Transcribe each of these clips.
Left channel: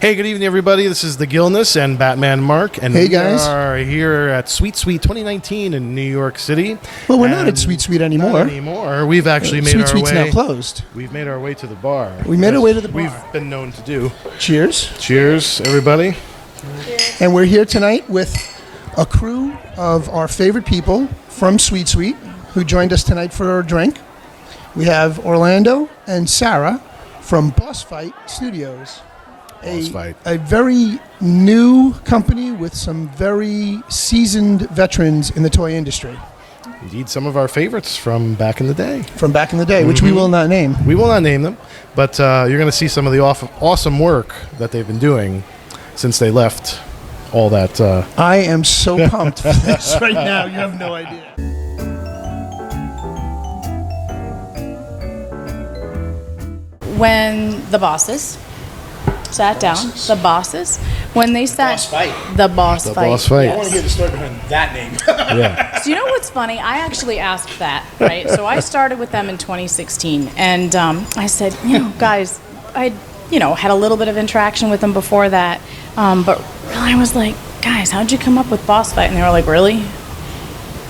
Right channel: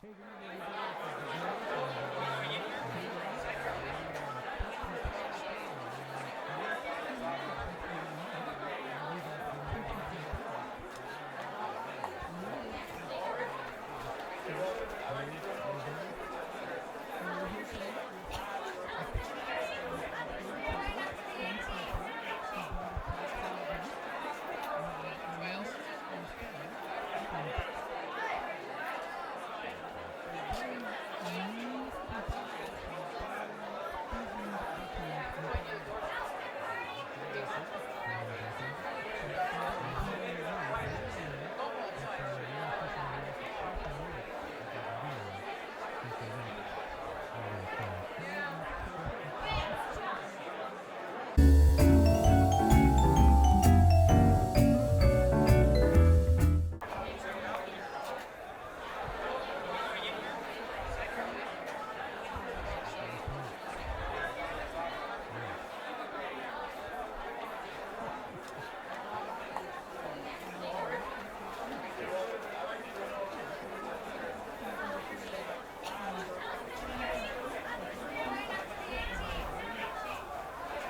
Hey, good evening, everybody. This is the Gilness and Batman Mark, and hey guys, we are here at Sweet Sweet 2019 in New York City. Well, we're not at Sweet Sweet anymore. Not anymore. We've actually made Sweet our Sweet's way. now closed. We've made our way to the bar. We made our way to the bar. We've been known to do. Cheers. Cheers, everybody. And we're here tonight with a crew of our favorite people from Sweet Sweet who joined us tonight for a drink. We have Orlando and Sarah from Boss Fight Studios. A very new company with some very seasoned veterans in the toy industry. Indeed, some of our favorites from back in the day. Which we will not name. We will not name them, but you're going to see some of the awesome work that they've been doing since they left all that. I am so pumped for this right now. You have no idea. When the bosses sat down, when they sat, the boss fight. Boss fight. I want to hear the story behind that name. Yeah. So you know what's funny? I actually asked that, right? So I started with them in 2016, and I said, guys, I, had a little bit of interaction with them before that, but really I was like, guys, how'd you come up with boss fight? And they were like, really?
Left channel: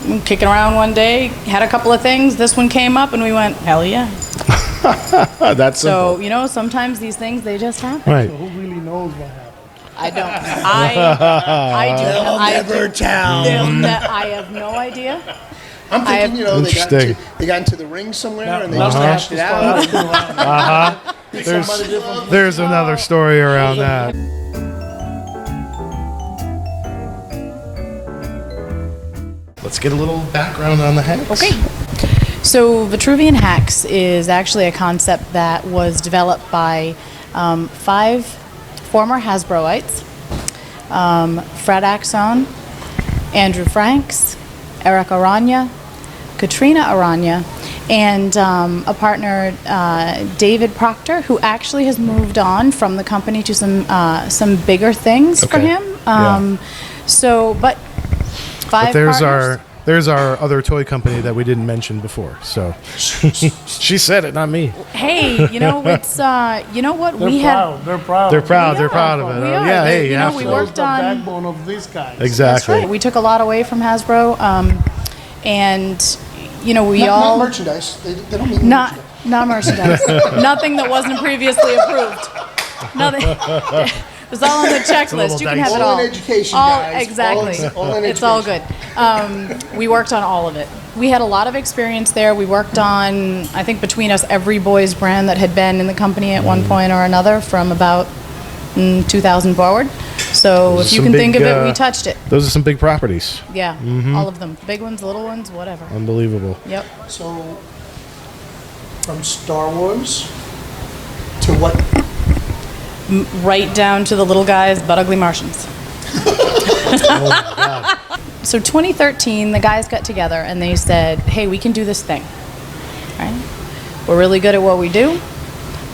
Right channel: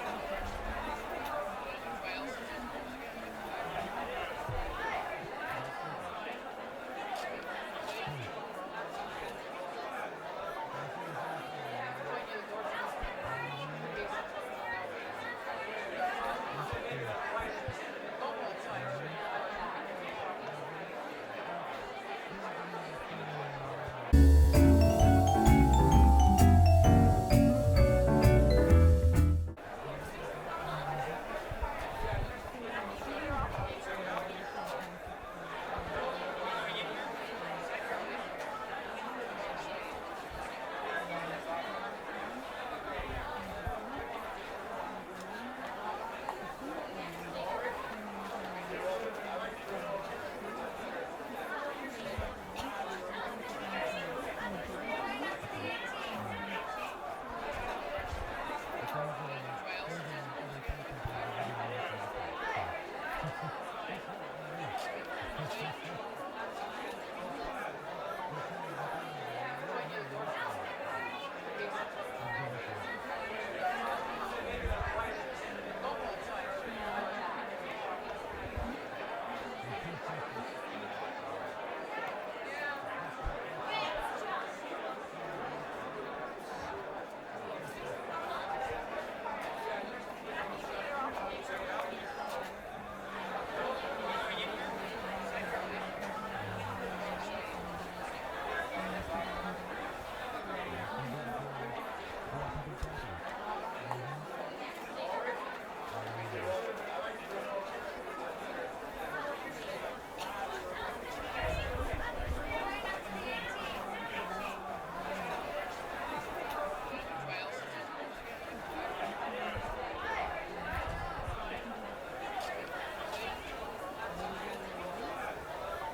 I'm kicking around one day, had a couple of things, this one came up, and we went, hell yeah. That's so simple. sometimes these things they just happen. Right. So who really knows what happened? I don't. I do. They'll never tell. I have no idea. I'm thinking, they got into the ring somewhere and they just hashed it out. There's another story around that. Let's get a little background on the H.A.C.K.S. Okay. So Vitruvian H.A.C.K.S is actually a concept that was developed by 5 former Hasbroites, Fred Axon, Andrew Franks, Eric Aranya, Katrina Aranya, and a partner, David Proctor, who actually has moved on from the company to some bigger things for him. But 5 partners. There's our other toy company that we didn't mention before. So she said it, not me. Hey, it's you know what They're proud. They're proud. They're proud. They're proud of it. We are. Yeah. They, Hey, yeah. we worked on the backbone of these guys. Exactly. That's right. We took a lot away from Hasbro, and we Not merchandise. They don't mean not merchandise. not merchandise. Nothing that wasn't previously approved. Nothing. It was all on the checklist. You can have it all. All in education, all, guys. Exactly. All in It's all education. good. We worked on all of it. We had a lot of experience there. We worked on, I think, between us, every boys brand that had been in the company at one point or another from about 2000 forward. So if you can think of it, we touched it. Those are some big properties. Yeah, all of them. Big ones, little ones, whatever. Unbelievable. Yep. So, from Star Wars to what? Right down to the little guys, but ugly Martians. So 2013, the guys got together and they said, hey, we can do this thing. Right? We're really good at what we do.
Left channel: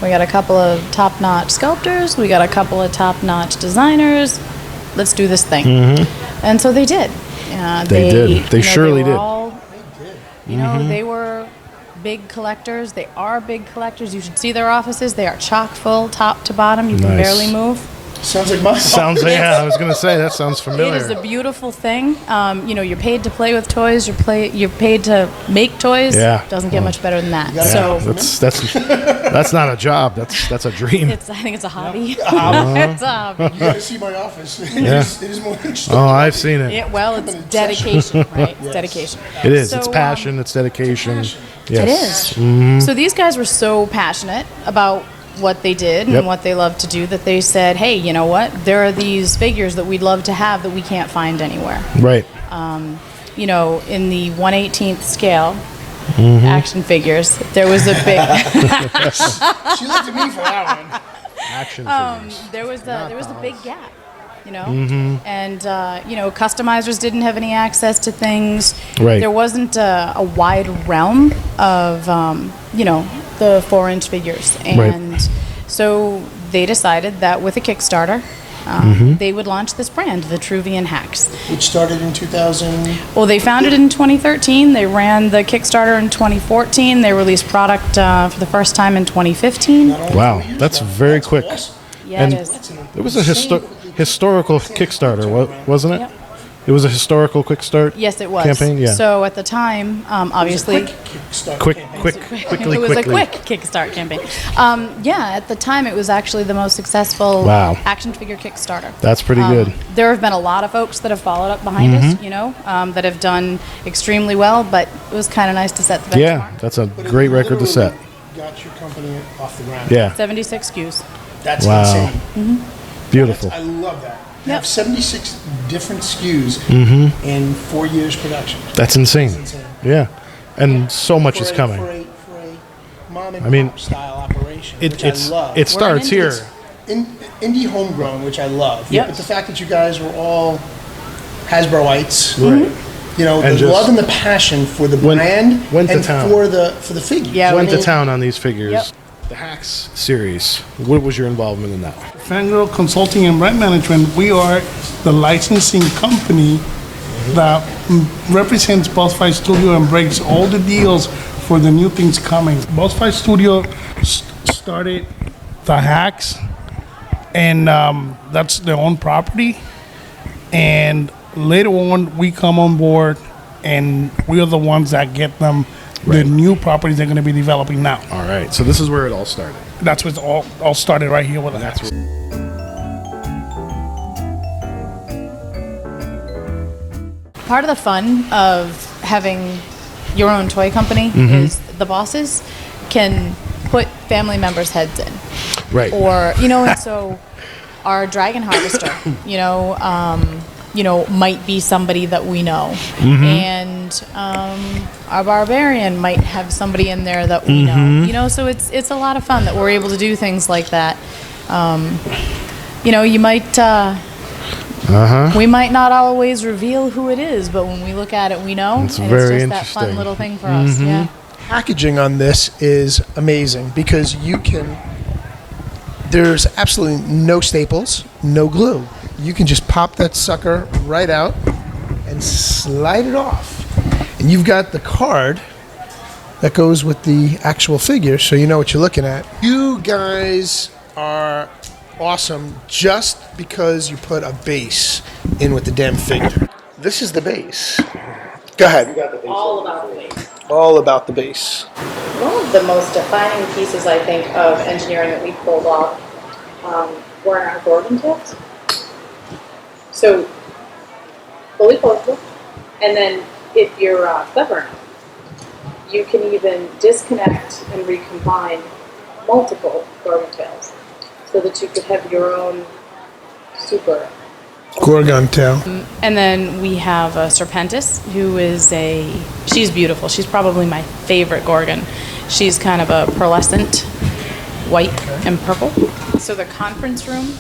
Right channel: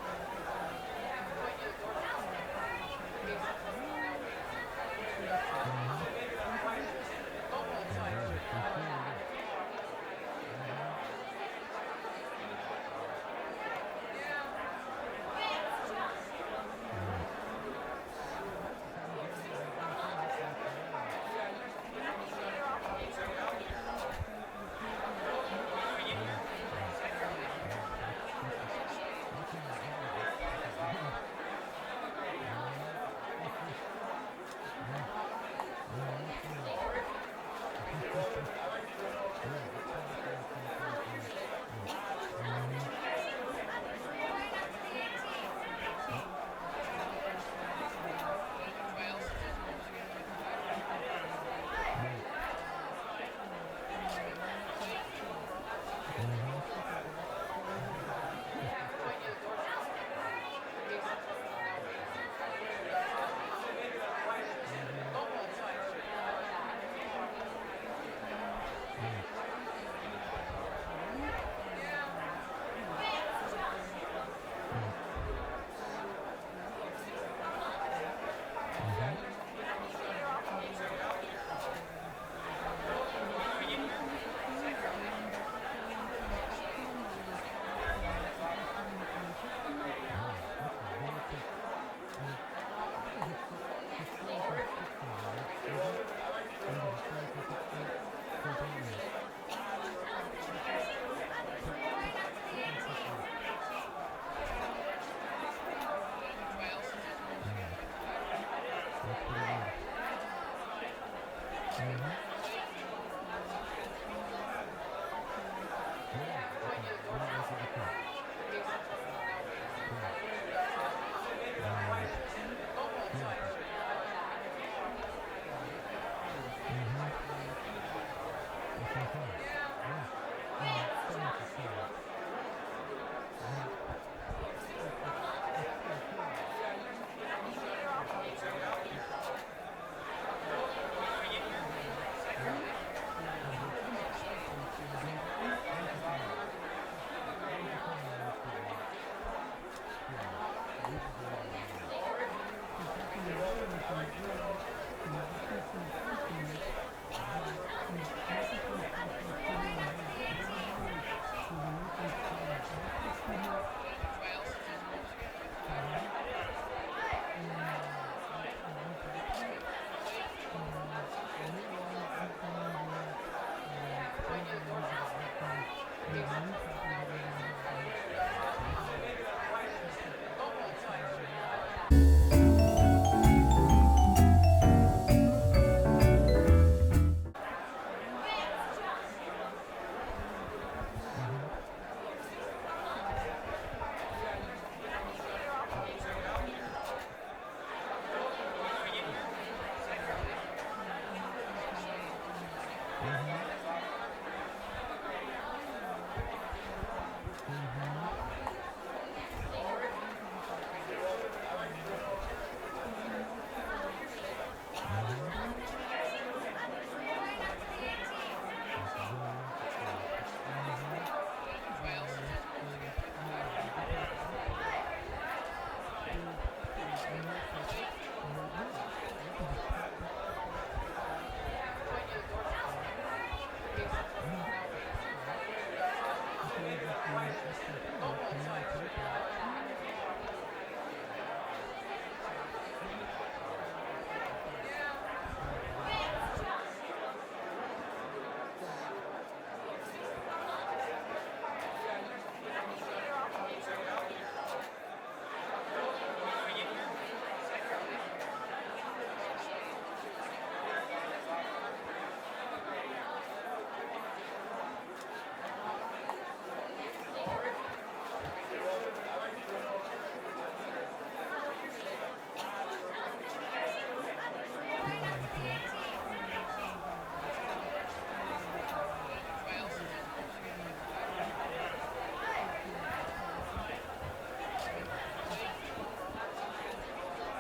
We got a couple of top-notch sculptors. We got a couple of top-notch designers. Let's do this thing. And so they did. They did. They surely did. They were big collectors. They are big collectors. You should see their offices. They are chock full, top to bottom. You can barely move. Sounds like my Sounds like, I was going to say, that sounds familiar. It is a beautiful thing. You're paid to play with toys. You're paid to make toys. Yeah. Doesn't get much better than that. Yeah. So That's not a job. That's a dream. I think it's a hobby. It's a hobby. You gotta see my office. Yeah. It is more interesting. Oh, I've seen it. Yeah, well, it's dedication, right? It's dedication. It is. So, It's passion. It's dedication. Yes. It is. So these guys were so passionate about what they did and what they love to do that they said, hey, you know what? There are these figures that we'd love to have that we can't find anywhere. Right. In the 1/18th scale action figures, there was a big... She looked at me for that one. Action figures. there was a big gap. And customizers didn't have any access to things. Right. There wasn't a wide realm of the 4-inch figures, and so they decided that with a Kickstarter, they would launch this brand, Vitruvian H.A.C.K.S. Which started in 2000. Well, they founded it in 2013. They ran the Kickstarter in 2014. They released product for the first time in 2015. Wow, that's very quick. Awesome. Yeah, And- it is. That's an It was a historical Kickstarter, wasn't it? Yep. It was a historical quick start. Yes, it was. Campaign, yeah. So at the time, obviously, Quickly. it was a quick Kickstart campaign. At the time, it was actually the most successful Wow. action figure Kickstarter. That's pretty good. There have been a lot of folks that have followed up behind us, that have done extremely well, but it was kind of nice to set the benchmark. Yeah, that's a great record to set. Got your company off the ground. Yeah, 76 SKUs. That's Wow. insane. beautiful. I love that. You Yep. have 76 different SKUs in 4 years production. That's insane. That's insane. Yeah, and so much is coming. For a mom and I mean, pop style operation, It which I love. it starts We're in here. Indie homegrown, which I love. Yep. But the fact that you guys were all Hasbroites, Right. you know, And the just love and the passion for the brand went to and town. for the figure. Yeah, Went to we- town on these figures. Yep. The H.A.C.K.S series. What was your involvement in that? Fangirl Consulting and Brand Management, we are the licensing company that represents Boss Fight Studio and breaks all the deals for the new things coming. Boss Fight Studio started the Hacks, and that's their own property. And later on, we come on board, and we are the ones that get them the new properties they're going to be developing now. All right, so this is where it all started. That's what's all started right here with the Hacks. Part of the fun of having your own toy company is the bosses can put family members' heads in. Right. Or, and so our Dragon Harvester, might be somebody that we know. And our Barbarian might have somebody in there that we know. So it's a lot of fun that we're able to do things like that. You might... We might not always reveal who it is, but when we look at it, we know. It's and very it's just that fun interesting. little thing for us. Yeah. Packaging on this is amazing because there's absolutely no staples, no glue. You can just pop that sucker right out and slide it off. And you've got the card that goes with the actual figure, so you know what you're looking at. You guys are awesome just because you put a base in with the damn figure. This is the base. Go ahead. All about the base. All about the base. One of the most defining pieces, I think, of engineering that we pulled off were our Gorgon tips. So, fully portable, and then if you're clever enough, you can even disconnect and recombine multiple Gorgon tails so that you could have your own super. Gorgon tail. And then we have Serpentis, who is she's beautiful. She's probably my favorite Gorgon. She's kind of a pearlescent white and purple. So the conference room,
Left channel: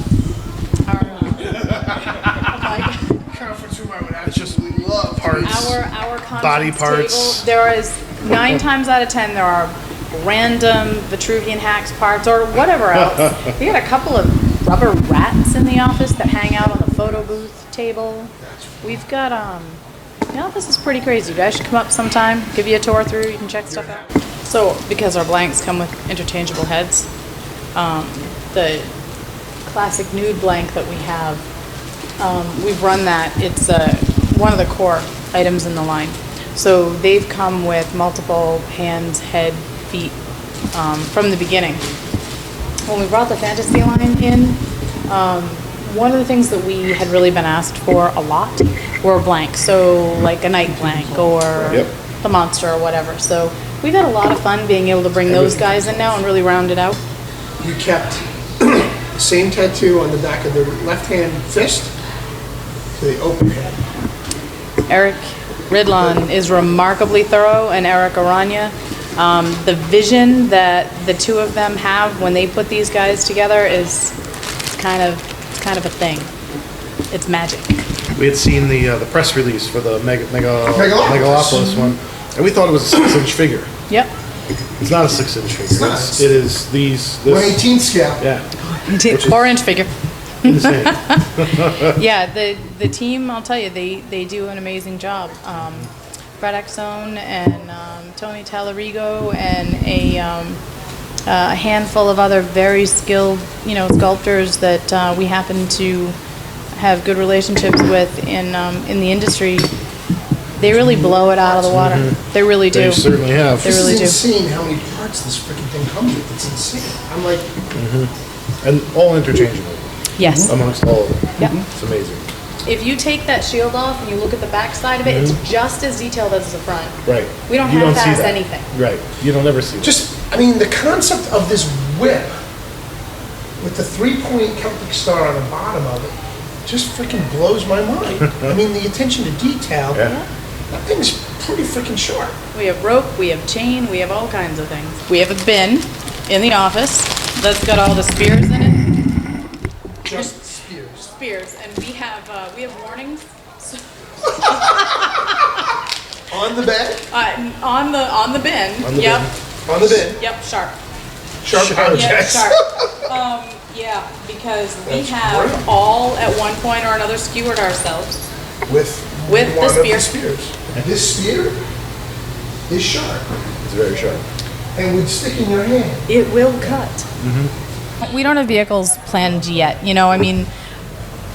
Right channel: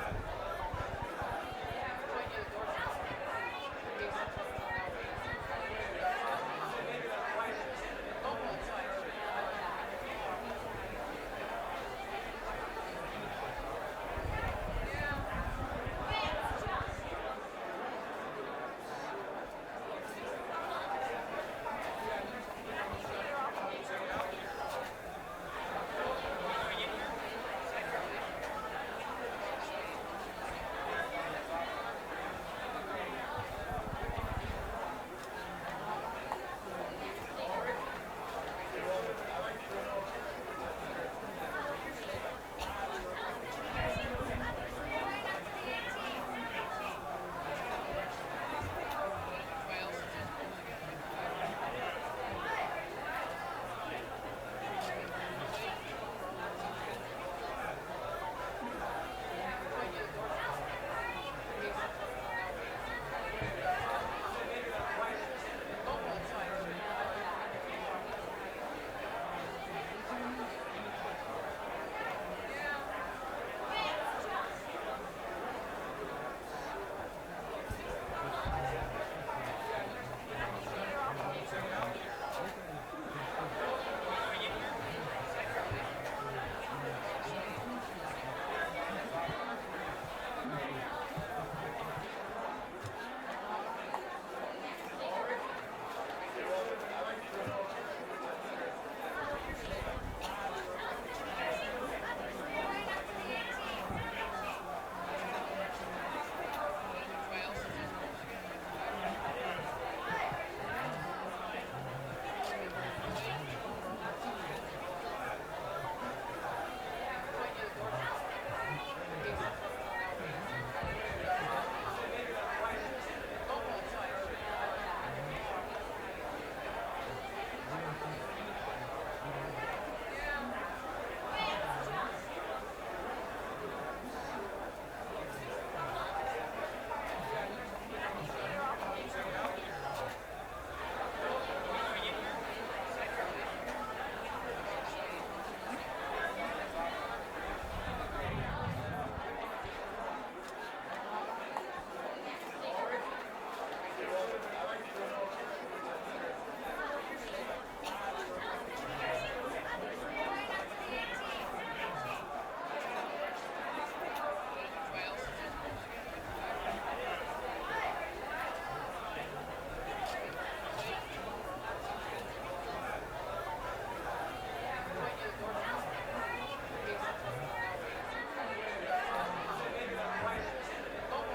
It's just parts. our conference Body parts. table, there is 9 times out of 10 there are random Vitruvian H.A.C.K.S parts or whatever else. We got a couple of rubber rats in the office that hang out on the photo booth table. We've got this is pretty crazy. You guys should come up sometime, give you a tour through, you can check stuff out. So because our blanks come with interchangeable heads, the classic nude blank that we have, we've run that. It's one of the core items in the line. So they've come with multiple hands, head, feet from the beginning. When we brought the fantasy line in, one of the things that we had really been asked for a lot were blanks. So like a night blank or the monster or whatever. So we've had a lot of fun being able to bring those guys in now and really round it out. You kept the same tattoo on the back of the left hand fist to the open hand. Eric Ridlon is remarkably thorough, and Eric Aranya. The vision that the two of them have when they put these guys together is kind of a thing. It's magic. We had seen the press release for the Megalopolis. Megalopolis one, and we thought it was a 6-inch figure. Yep. It's not a 6-inch figure. not. It is this. 1/18 scale. Yeah. 4-inch figure. Insane. Yeah, the team, I'll tell you, they do an amazing job. Fred Axone and Tony Tallarigo and a handful of other very skilled, sculptors that we happen to have good relationships with in the industry. They really blow it out of the water. They really do. They certainly have. They really do. It's insane how many parts this freaking thing comes with. It's insane. I'm like, And all interchangeable Yes. amongst all of them. Yep. It's amazing. If you take that shield off and you look at the back side of it, it's just as detailed as the front. Right. We don't You have see to ask that. anything. Right. You don't ever see that. the concept of this whip with the 3-point Celtic star on the bottom of it just freaking blows my mind. I mean, the attention to detail, Yeah. that thing's pretty freaking sharp. We have rope, we have chain, we have all kinds of things. We have a bin in the office that's got all the spears in it. Just spears. Spears, and we have warnings. On the bed? On the bin. On the Yep. bin. On the bed. Yep. Sharp. Sharp Yeah, objects. sharp. Yeah, because we That's have great. all at one point or another skewered ourselves. With With the one of spear. spears. This spear is sharp It's very sharp. and would stick in your hand. It will cut. We don't have vehicles planned yet.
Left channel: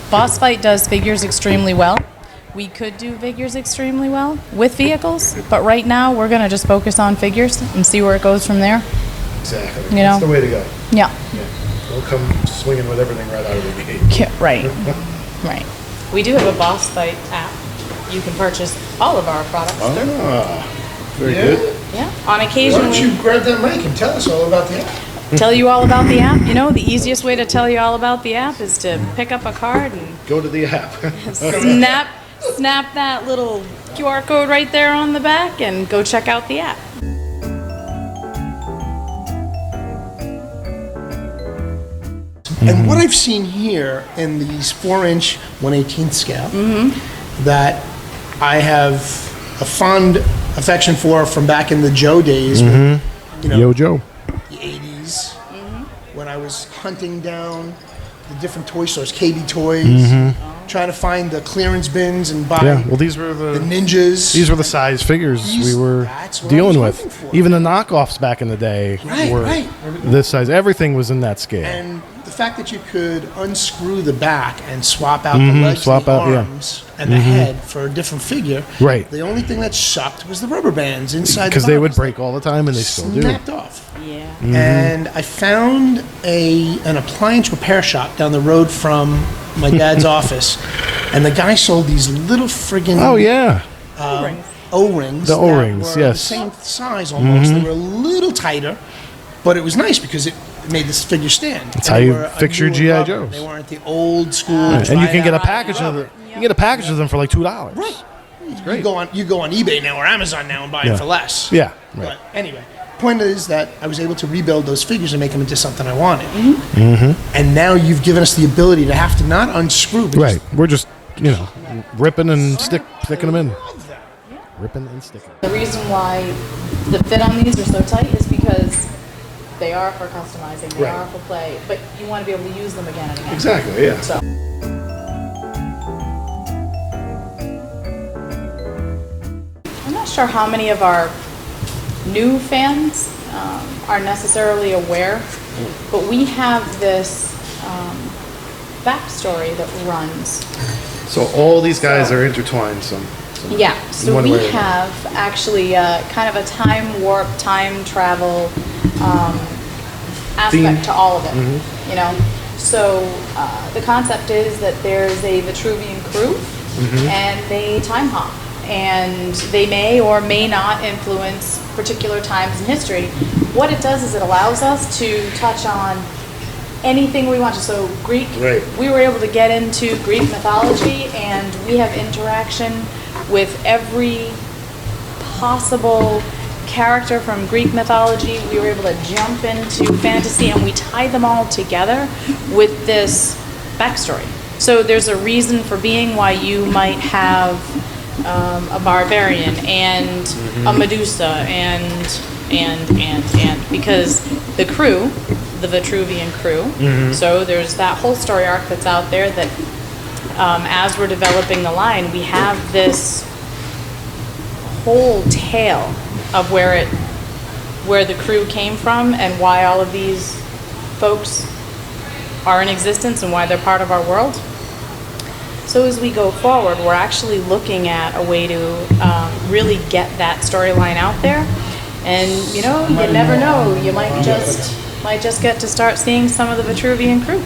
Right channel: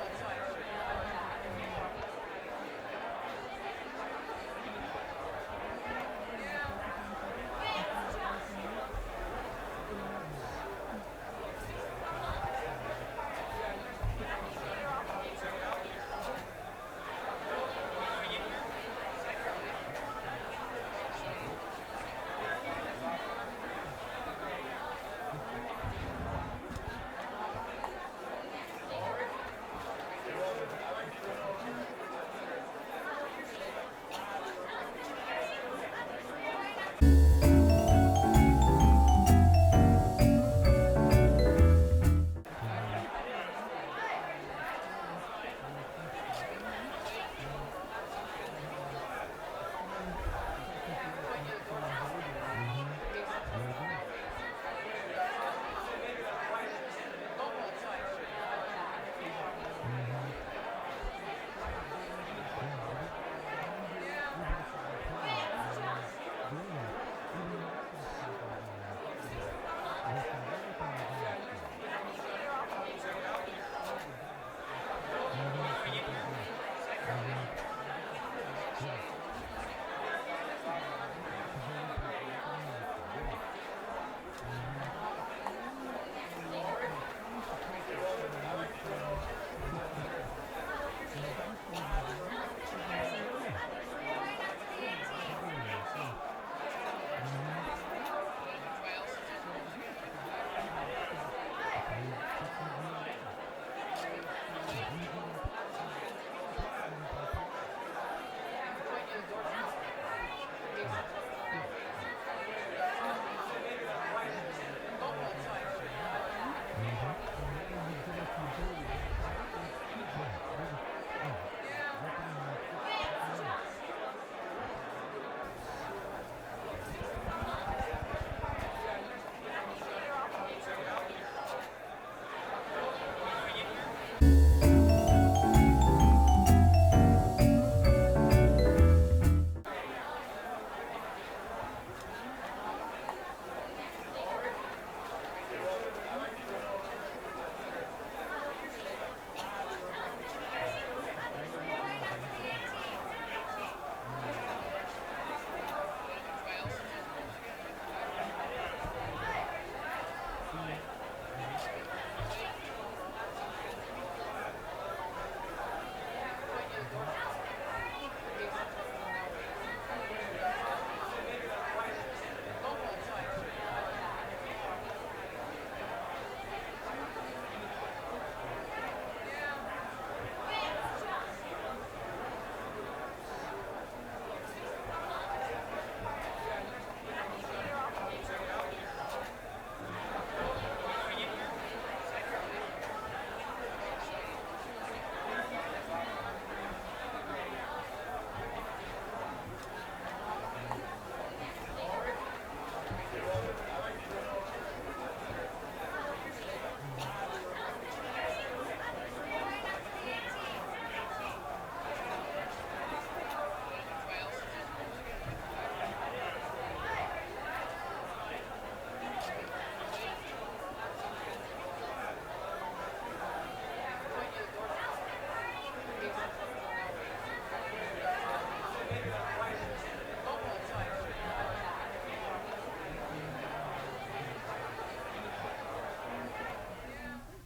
Boss Fight does figures extremely well. We could do figures extremely well with vehicles, but right now we're going to just focus on figures and see where it goes from there. Exactly. You know? That's the way to go. Yeah. We'll come swinging with everything right out of the gate. Yeah, right. Right. We do have a Boss Fight app. You can purchase all of our products through. Ah, very Yeah? good. Yeah. On Why occasion, don't you we grab that mic and tell us all about the app? tell you all about the app. The easiest way to tell you all about the app is to pick up a card and Go to the app. snap that little QR code right there on the back and go check out the app. And what I've seen here in these 4-inch 1/18 scale that I have a fond affection for from back in the Joe days, when, Yo, Joe. the 80s, when I was hunting down the different toy stores, KB Toys, trying to find the clearance bins and buy Yeah. Well, these were the ninjas. These were the size figures These- we were that's what dealing I was with. looking for. Even the knockoffs back in the day Right, were right. this size. Everything was in that scale. And the fact that you could unscrew the back and swap out the legs swap and the out, yeah. arms and the head for a different figure. Right. The only thing that sucked was the rubber bands inside the Because they would box. break all the time, and they still do. Snapped off. Yeah. And I found an appliance repair shop down the road from my dad's office, and the guy sold these little friggin' Oh yeah. O-rings. The that O-rings, were yes. the same size almost. They were a little tighter, but it was nice because it made this figure stand. That's And how they you were a fix your newer G.I. rubber. Joes. They weren't the old school. And you can get a try-out package of rubber. them. You can get a package of them for like $2. Right. great. You go on eBay now or Amazon now and buy Yeah. it for less. Yeah. But Right. anyway, point is that I was able to rebuild those figures and make them into something I wanted. Mm-hmm. And now you've given us the ability to have to not unscrew. But Right. We're just ripping and sticking them in. Ripping and sticking. The reason why the fit on these are so tight is because they are for customizing, they Right. are for play, but you want to be able to use them again and again. Exactly. Yeah. So, I'm not sure how many of our new fans are necessarily aware, but we have this backstory that runs. So all these guys are intertwined. Some Yeah, so one we way or another. have actually kind of a time warp, time travel aspect Theme. to all of it, So the concept is that there's a Vitruvian crew and they time hop, and they may or may not influence particular times in history. What it does is it allows us to touch on anything we want to. So Greek, Right. we were able to get into Greek mythology, and we have interaction with every possible character from Greek mythology. We were able to jump into fantasy, and we tie them all together with this backstory. So there's a reason for being why you might have a barbarian and a Medusa and because the crew, the Vitruvian crew, so there's that whole story arc that's out there that as we're developing the line, we have this whole tale of where it where the crew came from and why all of these folks are in existence and why they're part of our world. So as we go forward, we're actually looking at a way to really get that storyline out there. And you know, you never know, you might just get to start seeing some of the Vitruvian crew.